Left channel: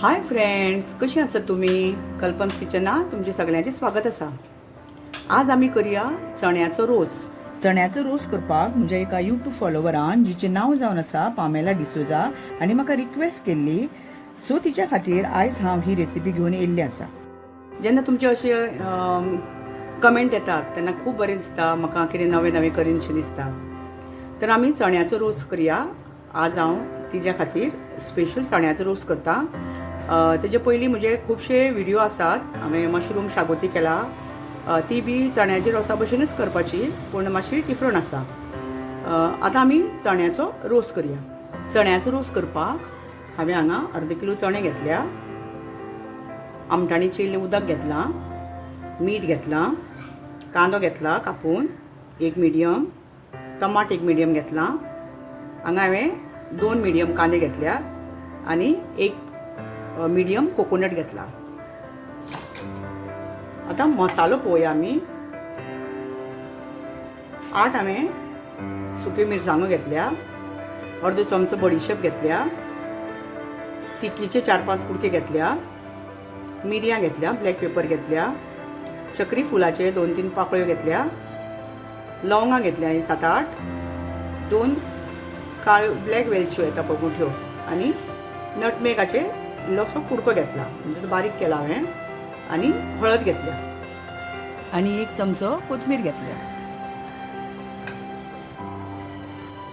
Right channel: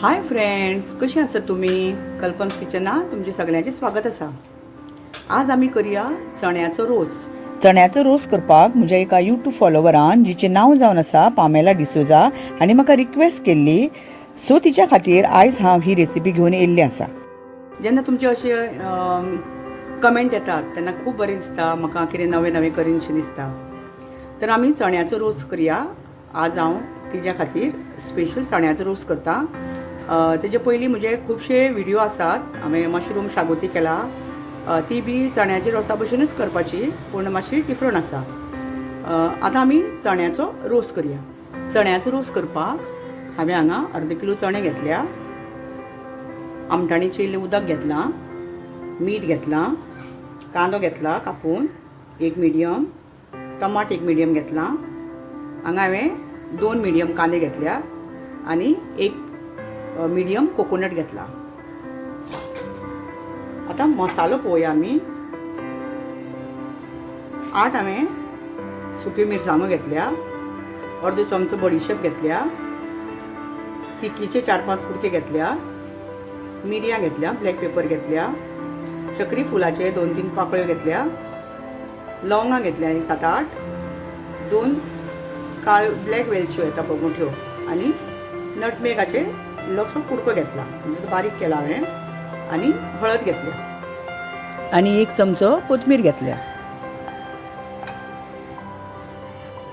Hi friends, कशी आसात तुम्ही? कल्पन्स किचनात तुमचे सगळ्यांचे स्वागत आसा. आज आमी करूया चण्याचो रोस. चण्याचो रोस करपाक म्हज्या एका यूट्यूब फॉलोवरान जिचें नांव जावन आसा पामेला डिसोजा हांणी म्हाका रिक्वेस्ट केल्ली, सो तिच्या खातीर आयज हांव ही रेसिपी घेवन येयल्ली आसा. जेन्ना तुमचे अशे कमेंट येतात तेन्ना खूब बरें दिसता, म्हाका कितें नवें नवें करीनशें दिसता. तर आमी चण्याचो रोस करूया. आज हांव तिच्या खातीर स्पेशल चण्याचो रोस करता. तेजे पयलीं म्हजे खुबशे व्हिडिओ आसात. हांवें मशरूम शागोती केला, ती बी चण्याच्या रोसा भशेनूच करपाची, पूण मातशी डिफरंट आसा. आतां आमी चण्याचो रोस करूया. चण्याचो रोस करपाक हांवें हांगा अर्द किलो चणे घेतल्या, आमटाणी चिल्लें उदक घेतलां, मीठ घेतलां, कांदो घेतला कापून एक मिडियम, टमाट एक मिडियम घेतलां. हांगा हांवें 2 मिडियम कांदे घेतल्या आनी एक मिडियम कोकोनट घेतला. आता मसालो पळोवया आमी. 8 हांवें सुक्यो मिरसांगो घेतल्या, अर्दो चमचो बडीशेप घेतल्या, तिखीचे 4-5 कुडके घेतल्या, मिरयां घेतल्या, ब्लॅक पेपर घेतल्या, चक्री फुलाचे 2-3 पाकळ्यो घेतल्या, लवंगां घेतल्या 7-8, 2 काळ्यो ब्लॅक वेलच्यो येता पळय मोठ्यो, आनी नटमेगाचे इल्लोसो कुडको घेतला, म्हणजे तो बारीक केला हांवें, आनी हळद घेतल्या, आनी 1 चमचो कोथमीर घेतल्या.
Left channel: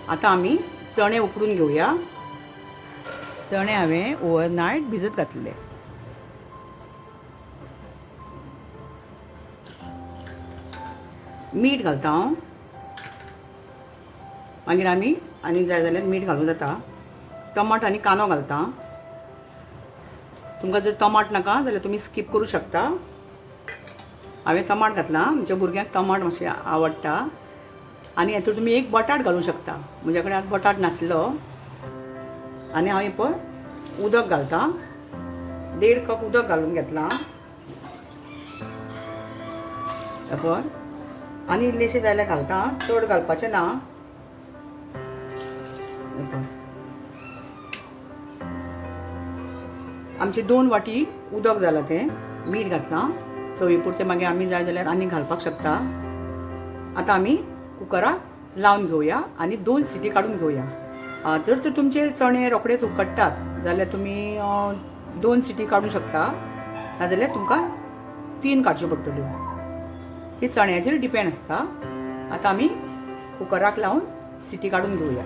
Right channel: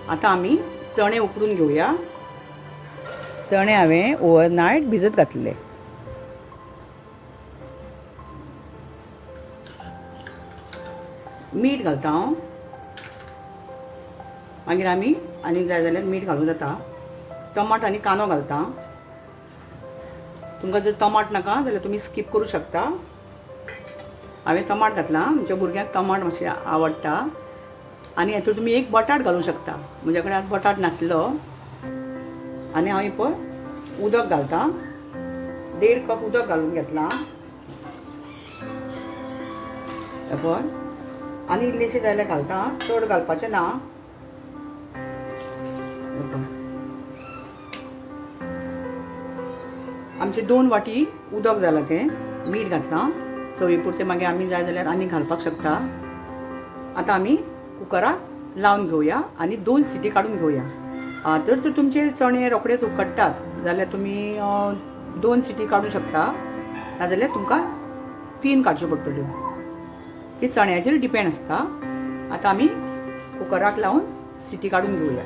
आतां आमी चणे उकडून घेवया. चणे हांवें ओवरनायट भिजत घातले. मीठ घालता हांव, मागीर आमी आनी जाय जाल्यार मीठ घालूं जाता. टमाट आनी कांदो घालता. तुमकां जर टमाट नाका जाल्यार तुमी स्कीप करूं शकता. हांवें टमाट घातलां, म्हज्या भुरग्यांक टमाट मातशें आवडटा, आनी हेतूंत तुमी एक बटाट घालूं शकता. म्हज्या कडेन आतां बटाट नासलो, आनी हांव पळय उदक घालता. 1.5 कप उदक घालून घेतलां पळय, आनी इल्लेशें जाय जाल्यार घालता, चड घालपाचें ना. आमचे 2 वाटी उदक जालां, तें मीठ घातलां चवी पुरतें. मागीर आमी जाय जाल्यार आनी घालपाक शकता. आतां आमी कुकराक लावन घेवया आनी 2 सिटी काडून घेवया. जर तर तुमचे चणे रोखडेच उकडटात जाल्यार तुमी 2 सिटी काडूं शकता, नाजाल्यार तुमकां 3 काडच्यो पडटल्यो. ती चण्याचेर डिपेंड आसता. आतां आमी कुकराक लावन सिटी काडून घेवया.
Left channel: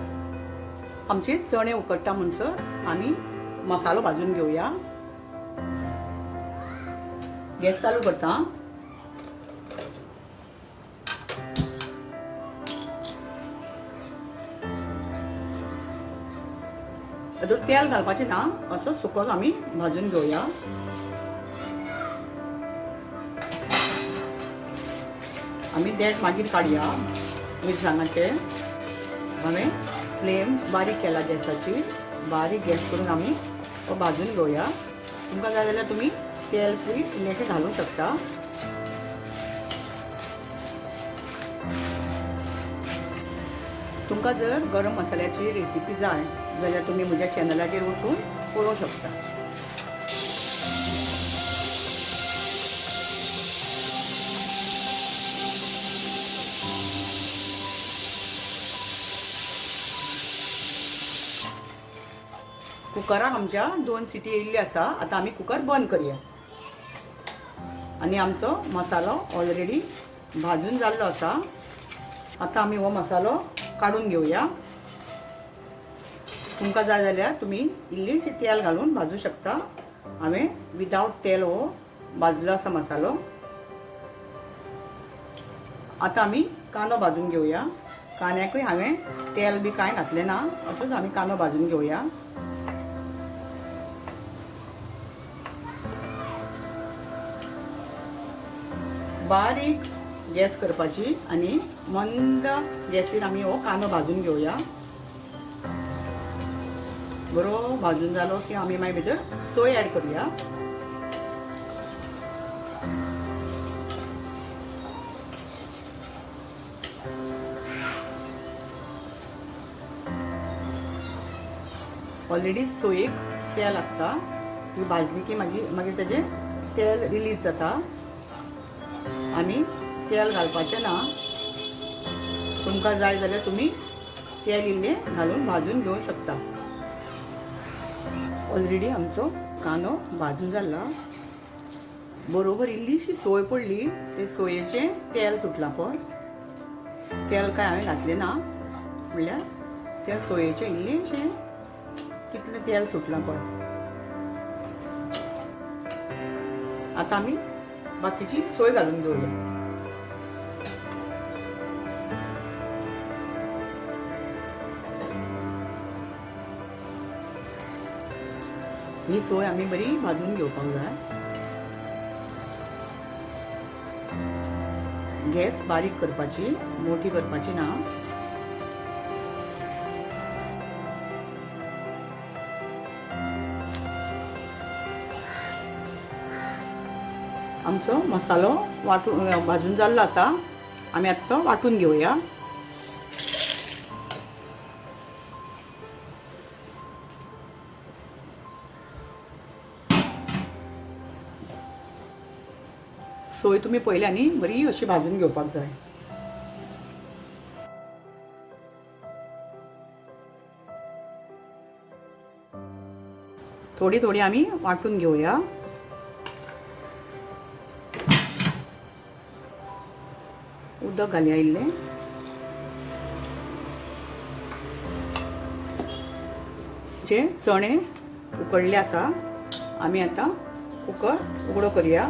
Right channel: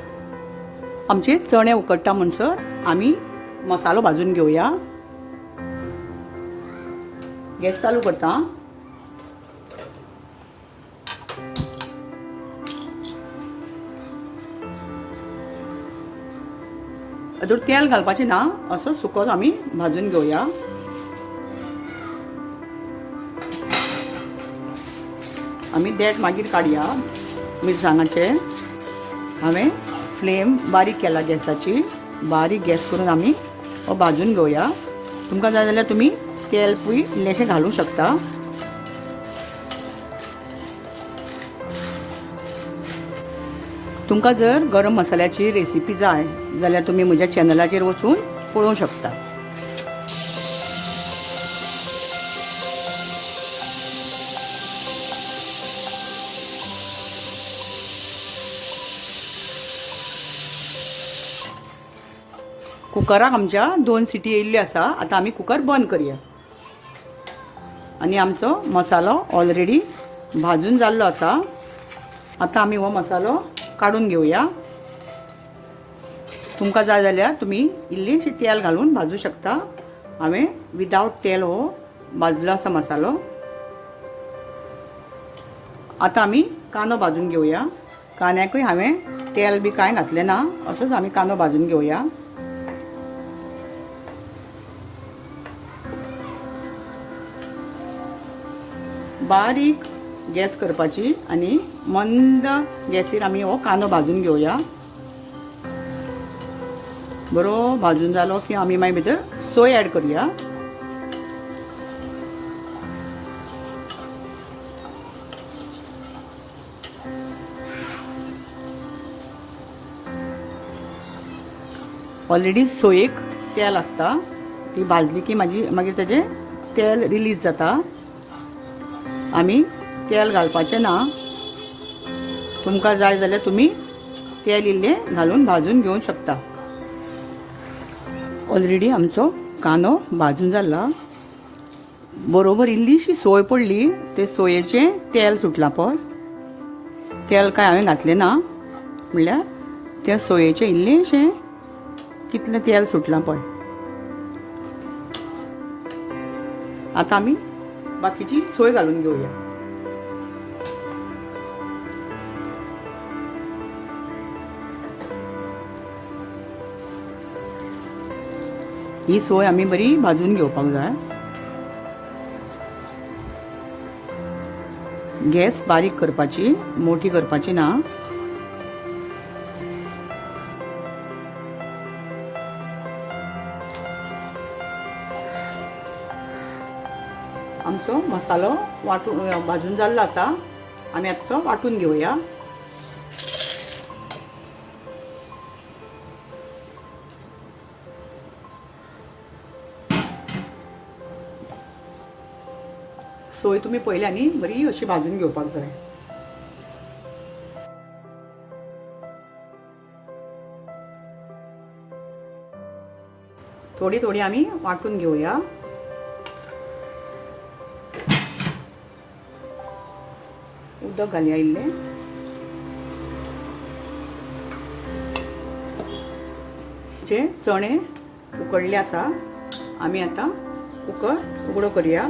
आमचे चणे उकडटा म्हणसर आमी मसालो भाजून घेवया. गॅस चालू करता. हातूंत तेल घालपाचें ना, असो सुकोच आमी भाजून घेवया. आमी देठ मागीर काडया मिरसांगाचे. हांवें फ्लेम बारीक केला गॅसाची. बारीक गॅस करून आमी भाजून घेवया. तुमकां जाय जाल्यार तुमी तेल पळय इल्लेशें घालूं शकता. तुमकां जर गरम मसाल्याची रेसिपी जाय जाल्यार तुमी म्हज्या चॅनलाचेर वचून पळोवंक शकता. कुकराक आमच्या 2 सिटी येयल्ल्यो आसा. आतां आमी कुकर बंद करया. आनी आमचो मसालो ऑलरेडी भाजून जाल्लो आसा. आतां आमी हो मसालो काडून घेवया. तुमकां जाय जाल्यार तुमी इल्लीशी तेल घालून भाजूं शकता. हांवें विदावट तेल हो भाजलो आसा मसालो. आतां आमी कांदो भाजून घेवया. कांद्याकूय हांवें तेल बी कांय घातलें ना, असोच आमी कांदो भाजून घेवया. बारीक गॅस करपाची आनी मंद गॅसीर आमी हो कांदो भाजून घेवया. बरो भाजून जालो की आमी मागीर भितर सोय ऍड करूया. ऑलरेडी सोयेक तेल आसता, ती भाजली की मागीर तेजें तेल रिलीज जाता. आमी तेल घालपाचें ना. तुमकां जाय जाल्यार तुमी तेल इल्लें घालून भाजून घेवंक शकता. ऑलरेडी आमचो कांदो भाजून जाला. बरोबर इल्लीशी सोय पडली. ते सोयेचें तेल सुटलां पळय. तेल काय हांवें घातलें ना, म्हणल्यार त्या सोयेचें इल्लेशें कितलें तेल सुटलां पळय. आतां आमी बाकीची सोय घालून घेवया. ही सोय आमी बरी भाजून घेवपाक जाय. गॅस बारीक करपाची, मोठी करपाची ना. आमचो मसालो भाजून जाल्लो आसा. आमी आतां तो वांटून घेवया. सोय तुमी पयल्यांनी बरी अशी भाजून घेवपाक जाय. थोडी थोडी आमी वांटून घेवया. उदक घालया इल्लें. जे चणे उकडले आसा, आमी आतां कुकर उगडो करया.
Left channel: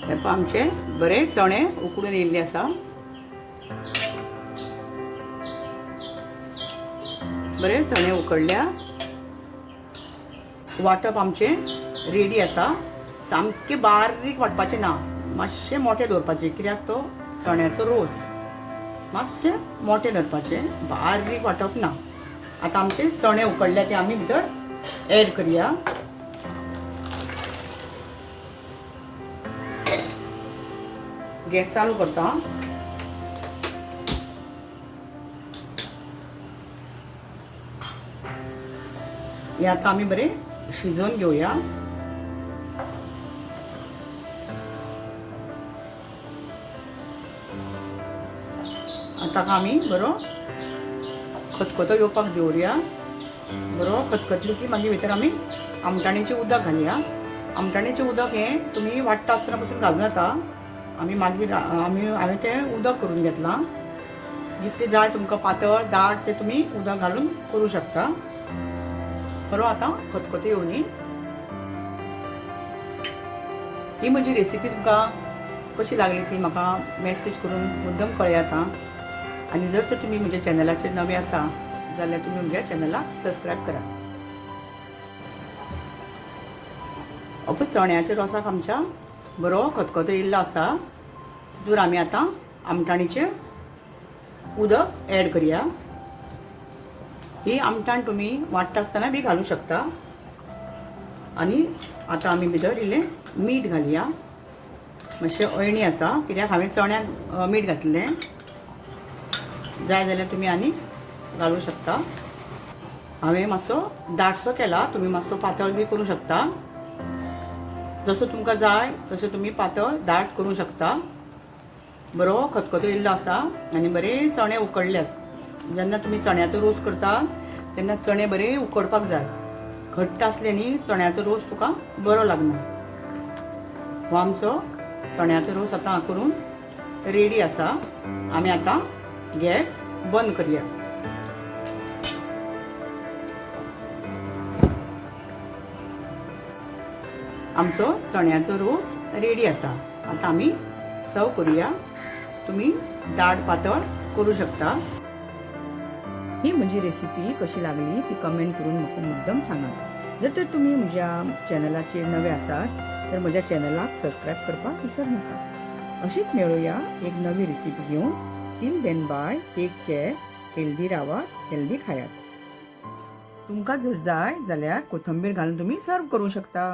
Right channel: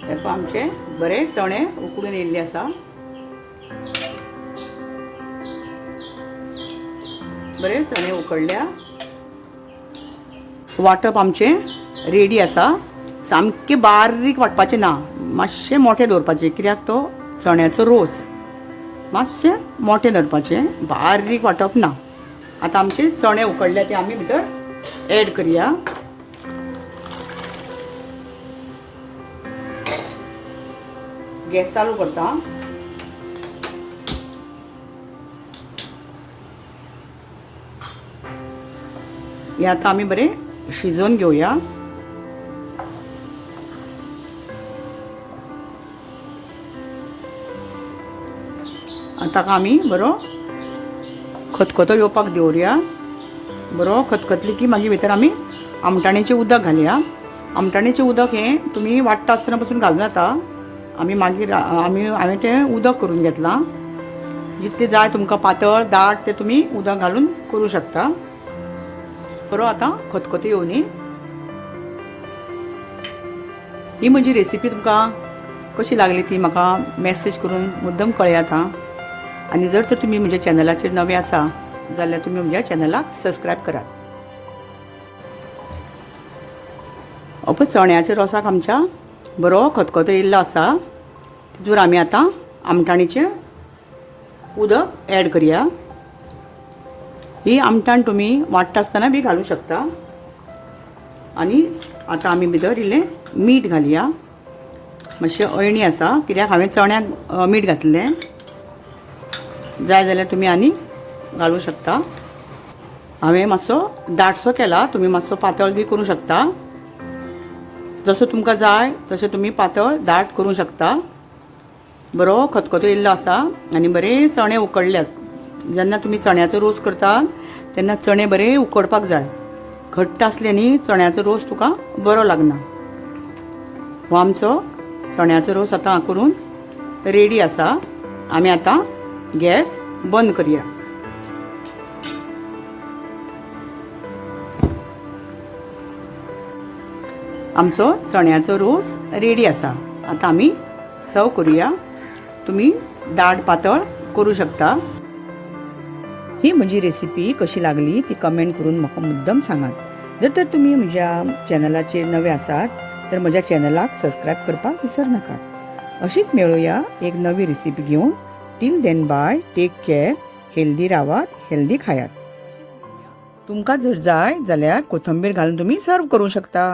हे पळय आमचे बरे चणे उकडून येयल्ले आसा. बरे चणे उकडल्या. वांटप आमचें रेडी आसा. सामके बारीक वांटपाचें ना, मातशें मोठें दवरपाचें. कित्याक तो चण्याचो रोस मातशें मोठें दवरपाचें, बारीक वांटप ना. आतां आमचे चणे उकडले ते आमी भितर एड करया. गॅस चालू करता. हे आतां आमी बरें शिजोवन घेवया. आतां आमी बरो खतखतो येवपाक दवरया. बरो खतखतली की मागीर भितर आमी आमटाणेचें उदक घालया. आमटाणेचें उदक हें तुमी वाडटा आसतना पासून घालूं जाता. आमी मागीर हांवें तें उदक करून घेतलां. जितलें जाय तुमकां पातळ दाट तें तुमी उदक घालून करूं शकता. बरो आतां खतखतो येवनी. ही म्हजी रेसिपी तुमकां कशी लागली ती म्हाका मॅसेज करून मुद्दम कळयात हां. आनी जर तर तुमी म्हज्या चॅनलाचेर नवे आसा जाल्यार तुमी म्हज्या चॅनलाक सबस्क्रायब करात. पळय चण्याच्या रोसाक आमच्या बरो खतखतो येयल्लो आसा. तितूर आमी आतां आमटाणीचें उदक एड करया. ही आमटाण तुमी वाडटा आसतना बी घालूं शकता. आनी आतां आमी भितर इल्लें मीठ घालया. मातशें अळणी आसा कित्याक हांवें चण्याक मीठ घातलें. जाय जाल्यार तुमी आनी घालूं शकता. हांवें मातसो दाटसो केला. तुमी मातसो पातळ बी करूं शकता. जसो तुमकां जाय तशें तुमी पातळ दाट करूं शकता. बरो खतखतो येयल्लो आसा आनी बरे चणे उकडल्यात. जेन्ना तुमी चण्याचो रोस करता तेन्ना चणे बरे उकडपाक जाय. घट्ट आसले न्ही चण्याचो रोस तुका बरो लागना. हो आमचो चण्याचो रोस आतां करून रेडी आसा. आमी आतां गॅस बंद करया. आमचो चण्याचो रोस रेडी आसा. आतां आमी सर्व करूया. तुमी दाट पातळ करूं शकता. ही म्हजी रेसिपी कशी लागली ती कमेंट करून म्हाका मुद्दम सांगात. जर तर तुमी म्हज्या चॅनलाचेर नवे आसात तर म्हज्या चॅनलाक सबस्क्रायब करपाक विसर नाका. अशीच मेळुया एक नवी रेसिपी घेवन. Till then bye. Take care. Healthy रावात, हेल्दी खायात. तुमकां जर जाय जाल्यार कोथंबीर घालून तुमी सर्व करूं शकता.